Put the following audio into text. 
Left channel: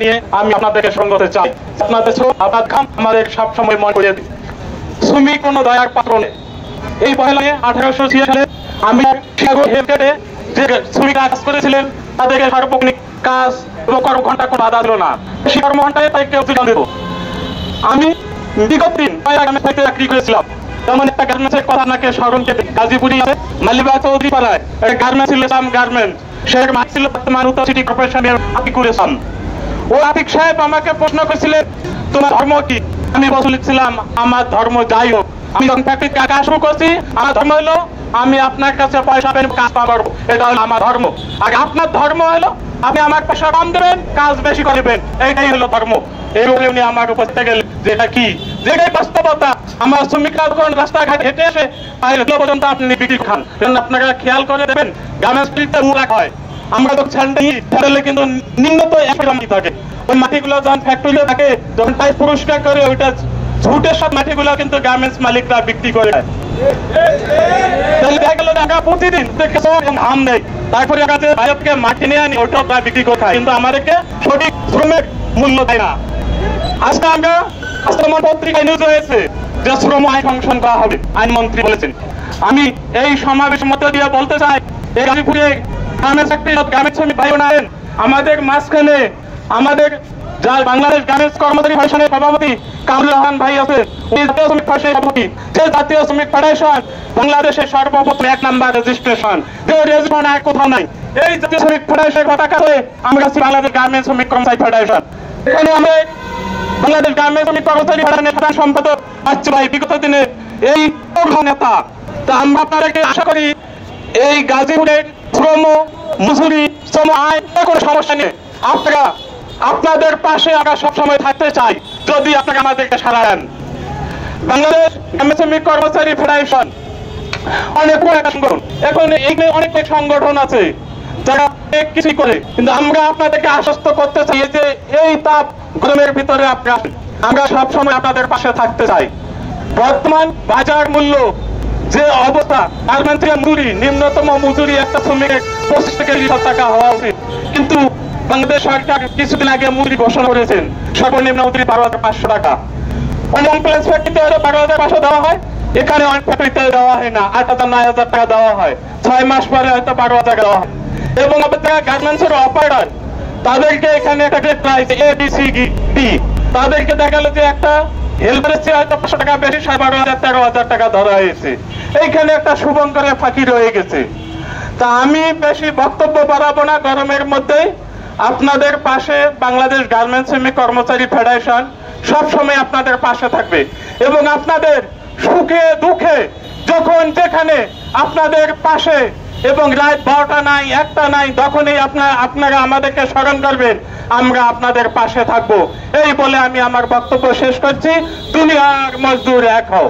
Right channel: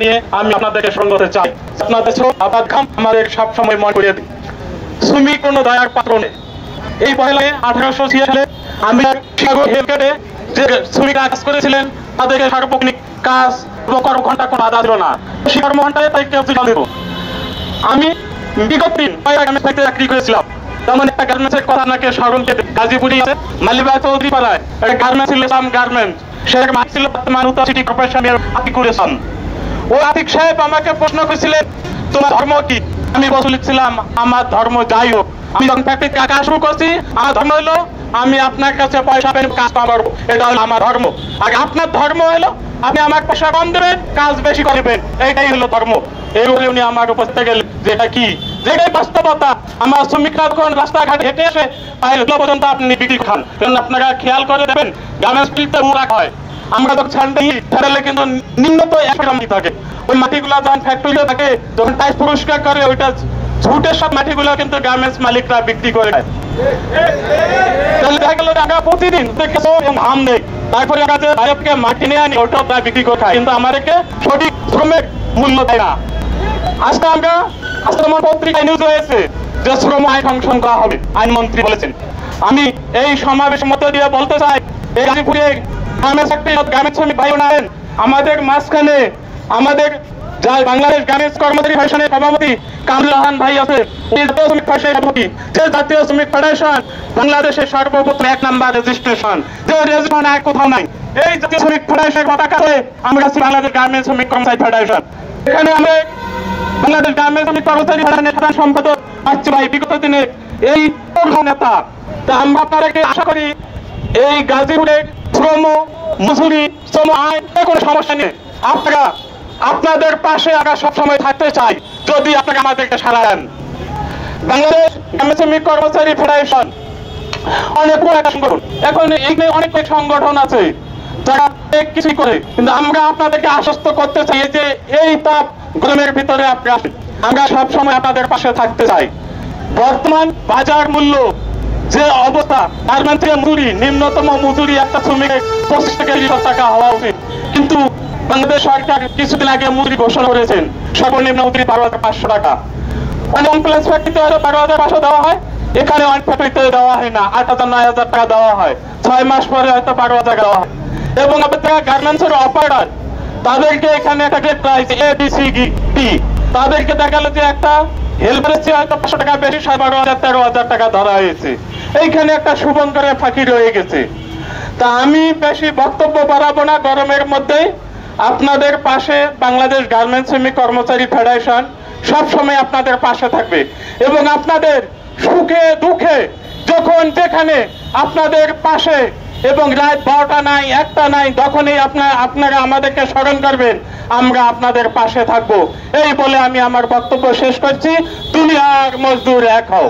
নিয়ে আমি আপনাদেরকে সঙ্গ করতে চাই। আপনাদের আবাদ খান আমাদের সবসময় মনে করিয়ে দিই, শ্রমিক কোনো দয়ার পাত্র নেই। এই পয়লায় 1886 সালে আমি যে শ্রমিকরা কাজ করেছিলেন তাদেরকে সার্বক্ষণিক কাজ এবং কর্মঘণ্টা কোনো বাধা ছিল না। সেই কর্মঘণ্টায় তাই কেউ জীবন দেব। আমি বিগত দিন চাকরি করেছিলাম, যেমন একটা গার্মেন্টসের কথা আপনাকে স্মরণ করতে, গাজীপুরে আছে মালিবাগ চৌধুরী পাড়ায় একটা গার্মেন্টস ছিল, গার্মেন্টস সে মালিক ছিল বর্তমান উত্তর সিটি কর্পোরেশনের আতিক করেছেন। ও আতিক সাহেব আমাকে প্রশ্ন করেছিলেন তোমার ধর্ম কি? আমি বলেছিলাম আমার ধর্ম যাই হোক, আমি যখন ফ্যাক্টরি কাজ শুরু করছি আমার ধর্ম হলো আমি আপনার কাছে পয়সা পেয়ে কাজ পাবো, এটা হলো আমার ধর্ম। আর আপনার ধর্ম হলো আপনি আমার পয়সা কম দেবেন, কাজ বেশি করবেন, এইটাই হলো ধর্ম। এরকম উনি আমার উপর থেকে যেটা কি যেটাই বাস্তবতা। আমার শ্রমিকরা যখন রাস্তাঘাট হেঁটে আসে পর্যন্ত আপনি বিক্রি খান, আপনারা খেয়াল করে দেবেন গার্মেন্টস মুরাক হয়। আমরা যখন ছাড়লে কিন্তু নিম্নত একই থাকে, ওই মাটিগুলো যখন ফ্যাক্টরিতে থাকে যখন তাই পুরস্কার করে ওইটা ঝুটের সব মাটিগুলো কিন্তু গার্মেন্টস মালিকরা বিক্রি করে দেয়। দেখা গেল আমরা প্রতিদিন হাম নেই, তারপরে ভারতকে মাটি নিয়ে আনি ওইটা বিক্রি করে খাই, কিন্তু আমাদেরকে সঠিক শ্রমের মূল্য দেয় না। আজকে আমার পত্রিকায় নিউজ হয়েছে যে শ্রম আইন সংশোধন করা হবে, আইনমন্ত্রী বলেছেন। আমি এই সমাবেশের মধ্যে দিয়ে বলতে চাই এই গাজীপুরে গার্মেন্টস শ্রমিক ভাই বোনেরা আমাদের মাঝখানে আমাদের যা বাংলাদেশ গার্মেন্টস কর্মচারী ফেডারেশনের সভাপতি কামরুল ভাই আছে, উনি জাতীয় শ্রমিক ফেডারেশনের সভাপতি। যে জাতীয় শ্রমিক ফেডারেশন বাংলাদেশের সর্বপ্রথম 1 নম্বর রেজিস্ট্রেশন, যে রেজিস্ট্রেশন আর কোথাও নাই। এই জাতীয় শ্রমিক ফেডারেশনের পতাকাতে আমরা আছি বাংলাদেশ গার্মেন্টস শ্রমিক কর্মচারী ফেডারেশন। এখানে আমরা বাংলাদেশ গার্মেন্টস শ্রমিক কর্মচারী ফেডারেশনের সম্পাদক পাচ্ছি ভাই বিগত দিনে এই নেতা। তা আমরা আপনাদেরকে আশা করি এই গাজীপুরের শ্রম মজুরি শ্রম আইন কোনো সমস্যা নেই, আপনারা আপনাদের পাশে আমরা সবসময় থাকতে চাই যদি আপনারা আমাদেরকে সাড়া দেন। বাংলাদেশ গার্মেন্টস শ্রমিক কর্মচারী ফেডারেশন অনেক বড় একটা সংগঠন, এখন এইখানে অনেক সংগঠন আছে যারা অনেক কিছু করে, কিন্তু আমরা আপনাদেরকে আশ্বস্ত করতে চাই যে এই তাপ গরমের ভিতরে আপনারা আমরা সবসময় আপনাদের পাশে থাকতে চাই। বর্তমান বাজার মূল্য যে অবস্থা, গার্মেন্টসের মজুরি নিম্নতম মজুরি একটা শ্রমিকের 25 থেকে 30 টাকা হওয়া উচিত, কিন্তু বাংলাদেশ সরকার কিছুদিন আগে মজুরি ঘোষণা করেছেন সর্বনিম্ন মজুরি 12,500 টাকা। অনেক প্লেস ফ্যাক্টরিতে হয়তো 12,500 দেওয়া হয়, এখানে অনেক ফ্যাক্টরিতে দেওয়া হয় না, 8,000 9,000 টাকা দেওয়া হয়, 6 মাস পরে হয়তো 12,000 দেওয়া হয়। এবং আপনার গার্মেন্টসের অপারেটর তাদেরকে এখানে থাকে প্রাইস ABCD, তাদেরকে দেখা গেল যে একটা হেল্পারের চেয়ে হয়তো 500 টাকা বেশি 12,000 13,000 টাকা ধরা হয়েছে। এইখানে একটা শুভঙ্করের ফাঁকি রয়ে গেছে। তা আমি বেশি বক্তব্য বাড়াবো না, গরমের মধ্যে আপনাদের পাশে বাংলাদেশ গার্মেন্টস শ্রমিক কর্মচারী ফেডারেশন সবসময় আপনাদের পাশে থাকবে এবং আপনাদের সুখে দুঃখে যখন যেখানে আপনাদের পাশে এবং রাত 12টা নাই 1টা নাই তখনই আপনারা আমাদেরকে স্মরণ করবেন, আমরা আপনাদের পাশে থাকবো। এই বলে আমি আমার বক্তব্য শেষ করছি। দুনিয়ার মজদুর এক হও।